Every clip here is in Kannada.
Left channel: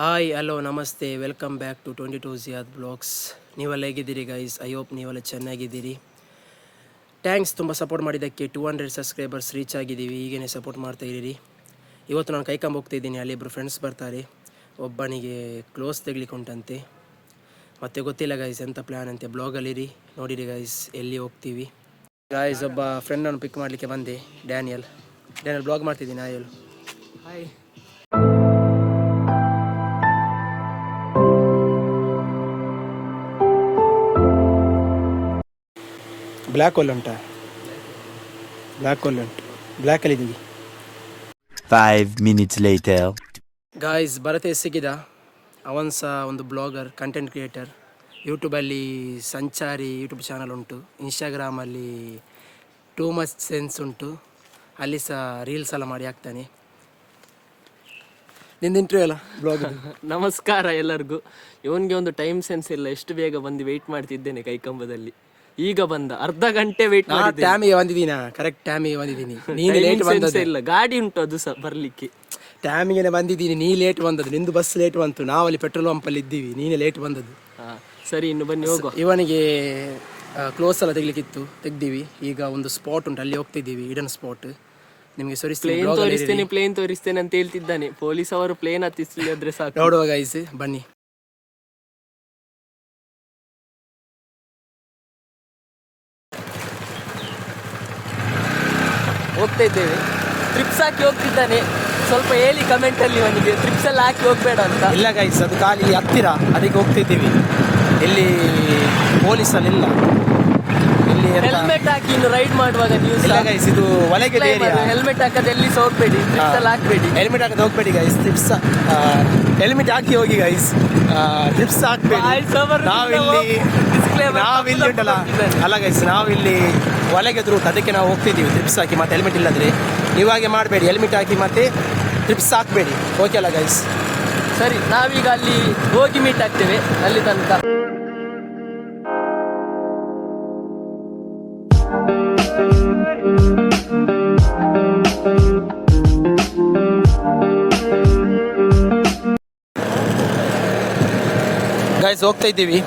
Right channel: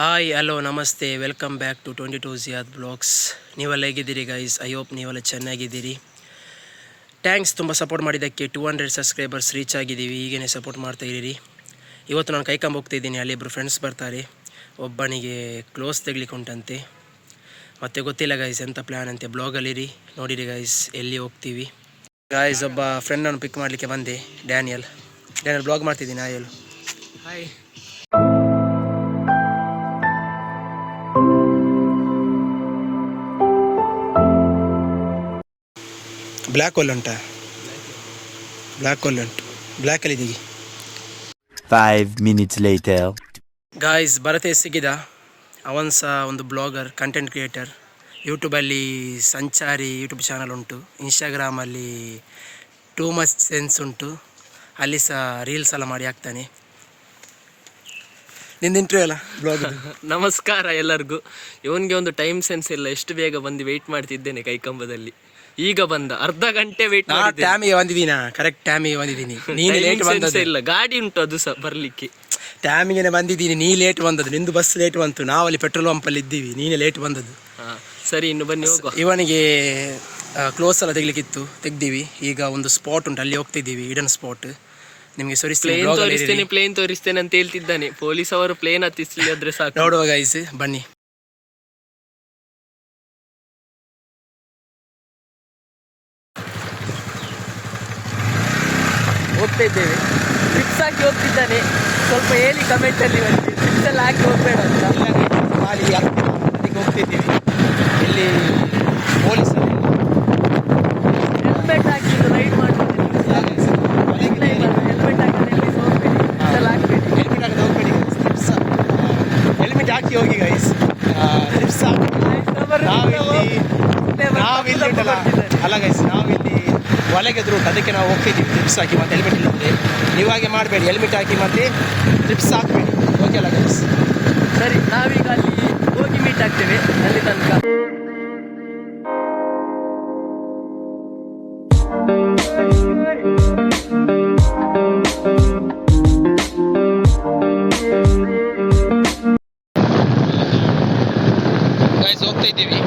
ಹಾಯ್ ಹಲೋ ನಮಸ್ತೆ ವೆಲ್ಕಮ್ ಬ್ಯಾಕ್ ಟು 22 ಜಿಯಾದ್ ಬ್ಲಾಗ್ಸ್. ನೀವೆಲ್ಲ ಹೇಗಿದ್ದೀರಿ ಗೈಸ್? ಐ ಹೋಪ್ ನೀವೆಲ್ಲ ಚೆನ್ನಾಗಿದ್ದೀರಿ. ಥ್ಯಾಂಕ್ಸ್ ತುಂಬ ಸಪೋರ್ಟ್ ಮಾಡಿದ್ದಕ್ಕೆ. 200 ಸಬ್ಸ್ಕ್ರೈಬರ್ಸ್ ರೀಚ್ ಆಗಿದ್ದೀವಿ. ಹೀಗೇ ಸಪೋರ್ಟ್ ಮಾಡ್ತಾ ಇದ್ದೀರಿ. ಇವತ್ತು ನಾನು ಕೈಕಂಬ ಹೋಗ್ತಾಯಿದ್ದೀನಿ. ಅಲ್ಲಿ ಇಬ್ಬರು ಫ್ರೆಂಡ್ಸ್ ಬರ್ತಾರೆ. ಒಬ್ಬನಿಗೆ ಕ್ಲೋಸ್ ತೆಗಿಲಿಕ್ಕೆ ಉಂಟಂತೆ, ಮತ್ತು ಗೊತ್ತಿಲ್ಲ ಗೈಸ್ ಎಂಥ ಪ್ಲ್ಯಾನ್ ಅಂತೆ. ಬ್ಲಾಗಲ್ಲಿರಿ, ನೋಡಿರಿ ಗೈಸ್ ಎಲ್ಲಿ ಹೋಗ್ತೀವಿ. ಗೈಸ್ ಒಬ್ಬ ಫ್ರೆಂಡನ್ನು ಪಿಕ್ ಮಾಡಲಿಕ್ಕೆ ಬಂದೆ, ಡ್ಯಾನಿಯಲ್ ಬ್ಲಾಗ್ ಮಾಡ್ತಿದ್ದೀನಿ. ಹಾಯ್. ಬ್ಲ್ಯಾಕ್ ಹೋಲ್ ಉಂಟಾ? ಬ್ಲ್ಯಾಕ್ ಹೋಲ್ ಉಂಟು, ಬ್ಲ್ಯಾಕಲ್ಲಿ ಇದೀಗಿ. 5 minutes later. ಗಾಯ್ಸ್ ಭರತೆ ಸಿಕ್ಕಿದ. ಅವನು ಸಹ ಒಂದು ಬ್ಲಾಗರ್, ಕಂಟೆಂಟ್ ಕ್ರಿಯೇಟರ್. ಯೂಟ್ಯೂಬಲ್ಲಿ ಸಂಚಾರಿ ಯೂಟ್ಯೂಬ್ ಚಾನಲ್ ಉಂಟು. ಇನ್ಸ್ಟಾಗ್ರಾಮಲ್ಲಿ ಟೂ ಮಚ್ ಸೆನ್ಸ್ ಉಂಟು. ಅಲ್ಲಿ ಸಹ ರೀಲ್ಸ್ ಎಲ್ಲ ಮಾಡಿ ಹಾಕ್ತಾನೆ. ನಿಂದು ಇಂಟರ್ವ್ಯೂ ಅಲ್ಲ ಬ್ಲಾಗ್. ನಮಸ್ಕಾರ ಎಲ್ಲರಿಗೂ. ಇವನಿಗೆ ಒಂದು ಟೈಮ್ ಸೆನ್ಸ್ ಇಲ್ಲ. ಎಷ್ಟು ಬೇಗ ಬಂದು ವೆಯ್ಟ್ ಮಾಡ್ತಿದ್ದೇನೆ ಕೈಕಂಬದಲ್ಲಿ. ಈಗ ಬಂದ ಅರ್ಧ ಗಂಟೆ ವೆಯ್ಟ್ ಮಾಡಿ ಟೈಮಿಗೆ ಬಂದಿದ್ದೀನ, ಕರೆಕ್ಟ್ ಟೈಮಿಗೆ ಬಂದಿದ್ದೀನಿ. ನೀನು ಲೇಟ್ ಬಂದದ್ದು ಇಲ್ಲ, ಗಾಡಿ ಉಂಟು ಅದು ಸಹ ಬರಲಿಕ್ಕೆ. ಟೈಮಿಗೆ ಬಂದಿದ್ದೀನಿ, ನೀ ಲೇಟ್ ಬಂದದ್ದು. ನಿಂದು ಬಸ್ ಲೇಟ್ ಬಂತು, ನಾವಲ್ಲಿ ಪೆಟ್ರೋಲ್ ಪಂಪಲ್ಲಿ ಇದ್ದೀವಿ, ನೀನೇ ಲೇಟ್ ಬಂದದ್ದು. ಸರಿ, ಇನ್ನು ಬನ್ನಿ ಹೋಗುವ. ಇವನಿಗೆ ಕ್ಲೋಸ್ ಎಲ್ಲ ತೆಗಿಲಿಕ್ಕಿತ್ತು, ತೆಗ್ದೀವಿ. ಈಗ ಒಂದು ಸ್ಪಾಟ್ ಉಂಟು, ಅಲ್ಲಿ ಹೋಗ್ತಿದ್ದೀವಿ. ಇಡನ್ ಸ್ಪಾಟ್. ನಿಮಗೆ ಪ್ಲೇನ್ ತೋರಿಸ್ತೇನೆ ಅಂತ ಹೇಳ್ತಿದ್ದಾನೆ. ಪೊಲೀಸ್ ಅವರು ಪ್ಲೇನ್ ಹತ್ತಿಸಿದ್ರೆ ಸಾಕು. ನೋಡುವ ಗೈಸ್, ಬನ್ನಿ. ಹೋಗ್ತಾ ಇದ್ದೇವೆ. ಟ್ರಿಪ್ಸ್ ಹಾಕಿ ಹೋಗ್ತಿದ್ದಾನೆ. ಸ್ವಲ್ಪ ಹೇಳಿ ಕಮೆಂಟಲ್ಲಿ ನನಗೆ, ಟ್ರಿಪ್ಸ್ ಎಲ್ಲ ಹಾಕಿ ಹೋಗ್ಬೇಡ ಅಂತ. ಇಲ್ಲ ಗೈಸ್, ಅದು ಖಾಲಿ ಹತ್ತಿರ, ಅದಕ್ಕೆ ಹೋಗ್ತಿದ್ದೀವಿ. ಇಲ್ಲಿ ಪೊಲೀಸಲ್ಲಿಲ್ಲ. ಹೆಲ್ಮೆಟ್ ಹಾಕಿ ಇನ್ನು ರೈಡ್ ಮಾಡುವಾಗ ನೀವು ಸಹ ಗೈಸ್, ಇದು ಒಳಗೆ ಹೆಲ್ಮೆಟ್ ಹಾಕಂದ್ರೆ ಎಲ್ಲಿ ಸಹ ಹೋಗ್ಬೇಡಿ, ಟ್ರಿಪ್ಸ್ ಎಲ್ಲ ಹಾಕ್ಬೇಡಿ. ಹೆಲ್ಮೆಟ್ ಹಾಕಿ ಹೋಗ್ಬೇಡಿ ಗೈಸ್. ಟ್ರಿಪ್ಸ್ ಹೆಲ್ಮೆಟ್ ಹಾಕಿ ಹೋಗಿ ಗೈಸ್. ಟ್ರಿಪ್ಸ್ ಹಾಕ್ಬೇಡಿ. ಅಲ್ಲ ಗೈಸ್, ನಾವು ಇಲ್ಲಿ ಒಳಗೆ ರೂಟ್, ಅದಕ್ಕೆ ನಾವು ಹೋಗ್ತಿದ್ದೀವಿ. ಟ್ರಿಪ್ಸ್ ಹಾಕಿ ಮತ್ತೆ ಹೆಲ್ಮೆಟ್ ಇಲ್ಲದ್ರೆ ನೀವು ಹಾಗೆ ಮಾಡಬೇಡಿ. ಹೆಲ್ಮೆಟ್ ಹಾಕಿ ಮತ್ತೆ ಟ್ರಿಪ್ಸ್ ಹಾಕಬೇಡಿ. ಓಕೆ ಅಲ್ಲ ಗೈಸ್? ಸರಿ, ನಾವೀಗ ಅಲ್ಲಿ ಹೋಗಿ ಮೀಟ್ ಆಗ್ತೇವೆ. ಅಲ್ಲಿ ತನಕ ಗೈಸ್ ಹೋಗ್ತಾ ಇದ್ದೀವಿ.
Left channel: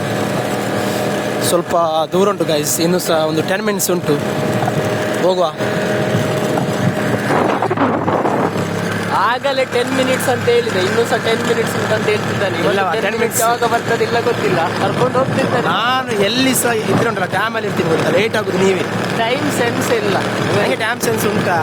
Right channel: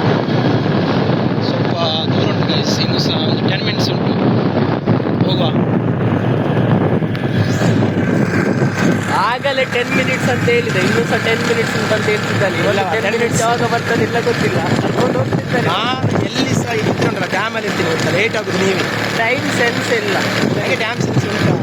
ಸ್ವಲ್ಪ ದೂರ ಉಂಟು ಗೈಸ್, ಇನ್ನೂ ಸಹ ಒಂದು 10 ಮಿನಿಟ್ಸ್ ಉಂಟು. ಹೋಗುವ. ಆಗಲೇ 10 ಮಿನಿಟ್ಸ್ ಅಂತ ಹೇಳಿದೆ, ಇನ್ನೂ ಸಹ 10 ಮಿನಿಟ್ಸ್ ಅಂತ ಹೇಳ್ತಿದ್ದಾನೆ. 10 ಮಿನಿಟ್ಸ್ ಯಾವಾಗ ಬರ್ತದೆ ಇಲ್ಲ ಗೊತ್ತಿಲ್ಲ, ಕರ್ಕೊಂಡು ಹೋಗ್ತಿದ್ದಾನೆ. ನಾನು ಎಲ್ಲಿ ಸಹ ಇದ್ರುಂಟಲ್ಲ, ಡ್ಯಾಮಲ್ಲಿ ಇರ್ತೀನಿ ಗೊತ್ತಾ, ಲೇಟ್ ಆಗೋದು ನೀವೇ. ಟೈಮ್ ಸೆನ್ಸ್ ಇಲ್ಲ. ನನಗೆ ಟೈಮ್ ಸೆನ್ಸ್ ಉಂಟಾ?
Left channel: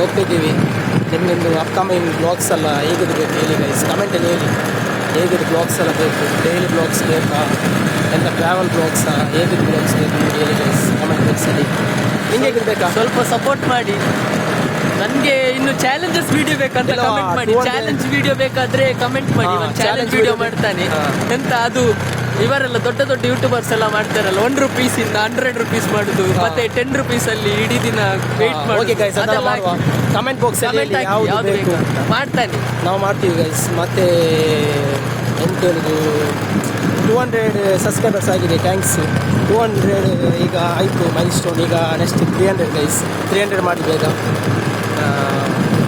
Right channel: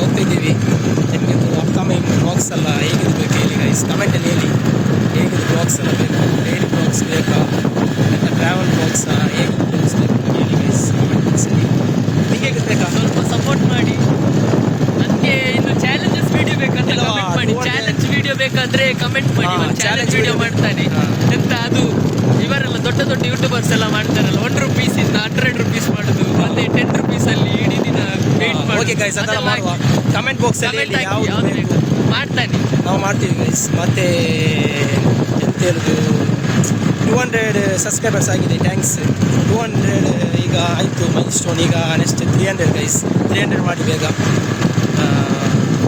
ಹೋಗ್ತಾ ಇದ್ದೀವಿ. ನಿಮಗೊಂದು ಅಪ್ಕಮಿಂಗ್ ಬ್ಲಾಗ್ಸ್ ಎಲ್ಲ ಹೇಗಿದು ಬೇಕು ಹೇಳಿ ಗೈಸ್, ಕಮೆಂಟಲ್ಲಿ ಹೇಳಿ. ಹೇಗಿದು ಬ್ಲಾಗ್ಸ್ ಎಲ್ಲ ಬೇಕು? ಡೈಲಿ ಬ್ಲಾಗ್ಸ್ ಬೇಕಾ, ಎಂಥ ಟ್ರಾವೆಲ್ ಬ್ಲಾಗ್ಸಾ, ಹೇಗಿದ್ದು ಬ್ಲಾಗ್ಸ್ ಬೇಕು ಹೇಳಿ ಗೈಸ್ ಕಮೆಂಟ್ ಬಾಕ್ಸಲ್ಲಿ. ನಿಂಗೆ ಹೇಗಿದ್ದು ಬೇಕಾ? ಸ್ವಲ್ಪ ಸಪೋರ್ಟ್ ಮಾಡಿ. ನನಗೆ ಇನ್ನು ಚಾಲೆಂಜಸ್ ವಿಡಿಯೋ ಬೇಕಂತ ಕಮೆಂಟ್ ಮಾಡಿ. ಚಾಲೆಂಜ್ ವಿಡಿಯೋ ಬೇಕಾದ್ರೆ ಕಮೆಂಟ್ ಮಾಡಿ. ಚಾಲೆಂಜ್ ವಿಡಿಯೋ ಮಾಡ್ತಾನೆ ಎಂತ. ಅದು ಇವರೆಲ್ಲ ದೊಡ್ಡ ದೊಡ್ಡ ಯೂಟ್ಯೂಬರ್ಸ್ ಎಲ್ಲ ಮಾಡ್ತಾರಲ್ಲ, 1 ರೂಪೀಸಿಂದ 100 ರೂಪೀಸ್ ಮಾಡುದು, ಮತ್ತೆ 10 ರೂಪೀಸಲ್ಲಿ ಇಡೀ ದಿನ ವೇಟ್ ಮಾಡಿ. ಕಮೆಂಟ್ ಬಾಕ್ಸಲ್ಲಿ ಯಾವುದು ಬೇಕು ಮಾಡ್ತಾನೆ, ನಾವು ಮಾಡ್ತೀವಿ ಗೈಸ್. ಮತ್ತೆ ಎಂತ ಹೇಳುದು, 200 ಸಬ್ಸ್ಕ್ರೈಬರ್ಸ್ ಆಗಿದೆ, ಥ್ಯಾಂಕ್ಸ್. 200 ಈಗ ಆಯಿತು ಮೈಲ್ ಸ್ಟೋನ್. ಈಗ ನೆಕ್ಸ್ಟ್ 300 ಗೈಸ್, 300 ಮಾಡಿ ಬೇಗ.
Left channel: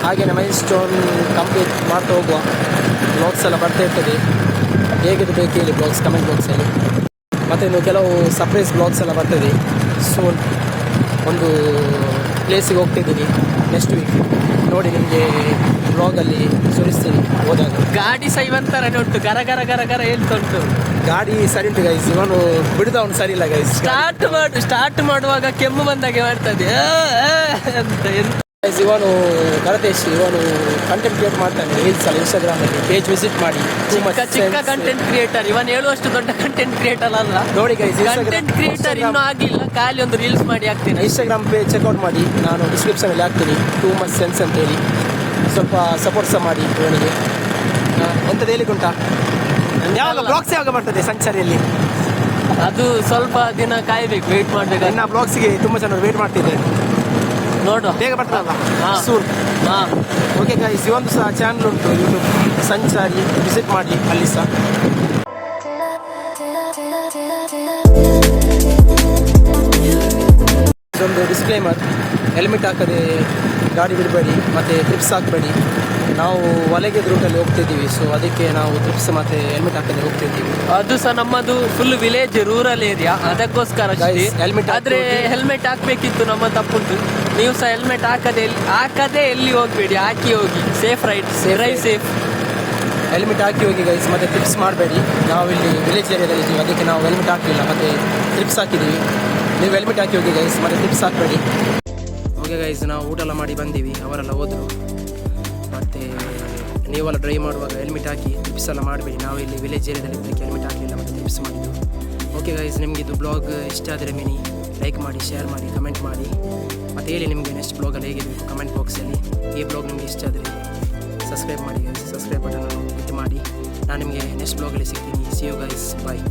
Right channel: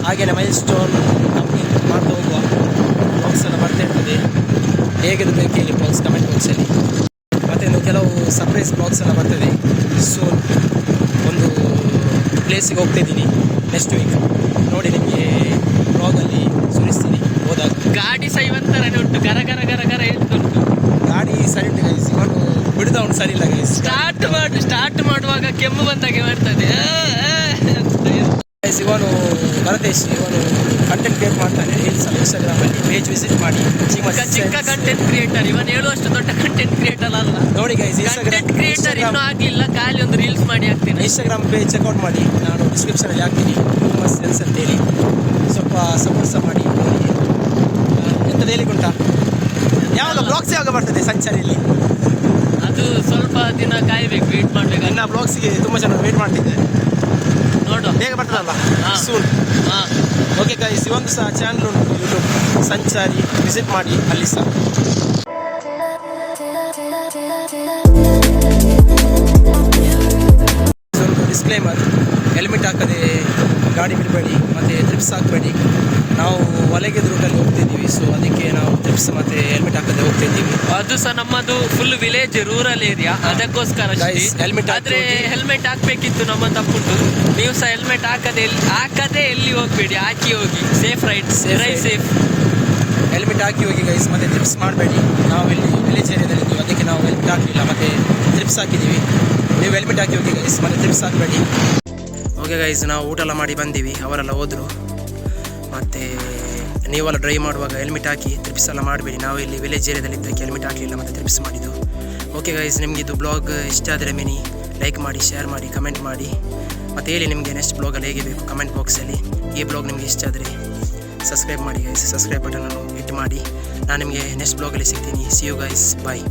ಹಾಗೆಯೇ ಮೈಲ್ ಸ್ಟೋನ್ ಕಂಪ್ಲೀಟ್ ಮಾಡ್ತಾ ಹೋಗುವ. ಬ್ಲಾಗ್ಸ್ ಎಲ್ಲ ಬರ್ತಾ ಇರ್ತದೆ. ಹೇಗಿದು ಬೇಕು ಹೇಳಿ ಬ್ಲಾಗ್ಸ್ ಕಮೆಂಟ್ ಬಾಕ್ಸಲ್ಲಿ. ಮತ್ತು ಇನ್ನು ಕೆಲವು ಸರ್ಪ್ರೈಸ್ ಬ್ಲಾಗ್ಸ್ ಎಲ್ಲ ಬರ್ತದೆ ಸೂನ್. ಒಂದು ಪ್ಲೇಸಿಗೆ ಹೋಗ್ತಾಯಿದ್ದೀನಿ ನೆಕ್ಸ್ಟ್ ವೀಕ್, ನೋಡಿ ನಿಮಗೆ ಬ್ಲಾಗಲ್ಲಿ ಸುರಿಸ್ತೀನಿ ಹೋದಾಗ. ಗಾಡಿ ಸಹ ಇವತ್ತರನೇ ಉಂಟು, ಗರ ಗರ ಗರ ಗರ ಹೇಳ್ತಾ ಉಂಟು. ಗಾಡಿ ಸರಿ ಉಂಟು ಗೈಸ್, ಇವನು ಬಿಡುದವನು ಸರಿ ಇಲ್ಲ ಗೈಸ್. ಸ್ಟಾರ್ಟ್ ಮಾಡುವಾಗ ಕೆಮ್ಮು ಬಂದಾಗೆ ಮಾಡ್ತದೆ ಗೈಸ್. ಇವನು ಭರತೇಶ್, ಇವನು ಕಂಟೆಂಟ್ ಕ್ರಿಯೇಟ್ ಮಾಡ್ತಾನೆ ರೀಲ್ಸ್ ಅಲ್ಲಿ, ಇನ್ಸ್ಟಾಗ್ರಾಮಲ್ಲಿ. ಪೇಜ್ ವಿಸಿಟ್ ಮಾಡಿ. ಚಿಕ್ಕ ಕಂಟೆಂಟ್ ಕ್ರಿಯೇಟರ್. ಇವನು ಹೇಳುವಷ್ಟು ದೊಡ್ಡ ಕಂಟೆಂಟ್ ಕ್ರಿಯೇಟರ್ ಅಲ್ಲ ನೋಡಿ ಗೈಸ್. ಕಂಟೆಂಟ್ ಕ್ರಿಯೇಟರ್ ಇನ್ನೂ ಆಗಿಲ್ಲ, ಖಾಲಿ ಒಂದು ರೀಲ್ಸ್ ಮಾಡಿ ಹಾಕ್ತೀನಿ. ಇನ್ಸ್ಟಾಗ್ರಾಮ್ ಪೇಜ್ ಚೆಕ್ಔಟ್ ಮಾಡಿ, ನಾನು ಡಿಸ್ಕ್ರಿಪ್ಷನಲ್ಲಿ ಹಾಕ್ತೀನಿ. ಟೂ ಮಚ್ ಸೆನ್ಸ್ ಅಂತೇಳಿ ಸ್ವಲ್ಪ ಸಪೋರ್ಟ್ ಸಹ ಮಾಡಿ ಅವನಿಗೆ. ಎಂಥದ್ದು ಹೇಳಿಕುಂಟಾ? ಯಾವಾಗ ಬ್ಲಾಗ್ಸ್ ಯಾವಾಗ ಬರ್ತದೆ ಸಂಚಾರಿಯಲ್ಲಿ? ಅದು ಸ್ವಲ್ಪ ದಿನ ಕಾಯಬೇಕು, ವೇಟ್ ಮಾಡಬೇಕು. ನನ್ನ ಬ್ಲಾಗ್ಸಿಗೆ ತುಂಬ ಜನ ವೇಟ್ ಮಾಡ್ತಿದ್ದಾರೆ. ನೋಡುವ, ಬೇಗ ಬರ್ತದಲ್ಲ ಸೂನ್. ಓಕೆ ಗೈಸ್, ಇವೊಂದು ಸಹ ಚಾನಲ್ ಉಂಟು ಯೂಟ್ಯೂಬ್ ಸಂಚಾರಿ, ವಿಸಿಟ್ ಮಾಡಿ ಅಲ್ಲಿ ಸಹ. ಇದೊಂದು ಡಿಸ್ಕ್ಲೇಮರ್, ಹೆಲ್ಮೆಟ್ ಹಾಕದೆ ಗಾಡಿ ಬಿಡಬೇಡಿ ಮತ್ತು ಟ್ರಿಪ್ಸ್ ಹಾಕಬೇಡಿ. ನಾವು ಹೊಲಗೆ ರೂಟಲ್ಲಿ ಹೋಗ್ತಿದ್ದೀವಿ, ಸೊ ಅದಕ್ಕೆ ನಾವು ಟ್ರಿಪ್ಸ್ ಮತ್ತು ಹೆಲ್ಮೆಟ್ ಹಾಕದೆ ಹೋಗ್ತಿದ್ದೀವಿ. ಅದು ಸಹ ನಮ್ಮದು ಫುಲ್ ವಿಲೇಜ್ ರೂರಲ್ ಏರಿಯಾ, ಅದಕ್ಕೋಸ್ಕರ ಹೆಲ್ಮೆಟ್ ಆದ್ರೆ ಹೆಲ್ಮೆಟ್ ಹಾಕ್ಬೇಕಿತ್ತು, ನಮ್ಮ ತಪ್ಪುಂಟು. ನೀವು ಸಹ ಹೆಲ್ಮೆಟ್ ಹಾಕದೆ ಎಲ್ಲಿ ಹೋಗ್ಬೇಡಿ, ಹಾಕಿ ಹೋಗಿ. Safe ride safe. ಹೆಲ್ಮೆಟ್ ಹಾಕಿ ಹೋಗಿ ಗೈಸ್, ಮತ್ತು ಟ್ರಿಪ್ಸ್ ಮಾಡಬೇಡಿ. ನಾವು ಇಲ್ಲಿ ವಿಲೇಜ್ ಏರಿಯಾದಲ್ಲಿ ಇದ್ದೀವಿ, ಅದಕ್ಕೆ ನಾವು ಹೆಲ್ಮೆಟ್ ಹಾಕಲಿಲ್ಲ ಮತ್ತು ಟ್ರಿಪ್ಸ್ ಹಾಕಿದ್ದೀವಿ. ನೀವು ಹೆಲ್ಮೆಟ್ ಹಾಕಿ ಹೋಗಿ ಗೈಸ್, ಮತ್ತು ಟ್ರಿಪ್ಸ್ ಹಾಕಬೇಡಿ. ಓಕೆ ಗೈಸ್, ನಾವು ಊಟ ಎಲ್ಲ ಮಾಡಿ ಬಂದೀವಿ, ಅವರೆಲ್ಲ ಹೋದರು. ಮತ್ತು ನೀವೆಲ್ಲ ಡ್ರೈವ್ ಮಾಡುವಾಗ ಹೆಲ್ಮೆಟ್ ಹಾಕಿ ಟ್ರಿಪ್ಸ್ ಎಲ್ಲ ಮಾಡಬೇಡಿ. ನಾವು ಇಲ್ಲಿ ವಿಲೇಜ್ ಏರಿಯಾದಲ್ಲಿ ಇದ್ದಕ್ಕೆ ಹೆಲ್ಮೆಟ್ ಹಾಕಲಿಲ್ಲ ಮತ್ತು ಟ್ರಿಪ್ಸ್ ಮಾಡಿದ್ದು. ಓಕೆ ಗೈಸ್, ನಿಮಗೆ ಇದು ಬ್ಲಾಗ್ ಇಷ್ಟ ಆದರೆ ಮಿನಿ ಲೈಕ್ ಮಾಡಿ, ಶೇರ್ ಮಾಡಿ, ಕಮೆಂಟ್ ಮಾಡಿ. ಮತ್ತು ಹೇಳಿ ನಿಮಗೆ ನೆಕ್ಸ್ಟ್ ಬ್ಲಾಗಲ್ಲಿ ಹೇಗೆ ಬೇಕು ಕಮೆಂಟ್ ಬಾಕ್ಸಲ್ಲಿ. ಈ ಬ್ಲಾಗ್ ನಿಮಗೆ ಇಷ್ಟ ಆದರೆ ಸಬ್ಸ್ಕ್ರೈಬ್ ಮಾಡಿ ಗೈಸ್, ಸಬ್ಸ್ಕ್ರೈಬ್ ಬಟನನ್ನು ಹಿಟ್ ಮಾಡಿ. ನಾನು ನಿಮಗೆ ನೆಕ್ಸ್ಟ್ ಬ್ಲಾಗಲ್ಲಿ ಸಿಗ್ತೀನಿ. See you guys, bye.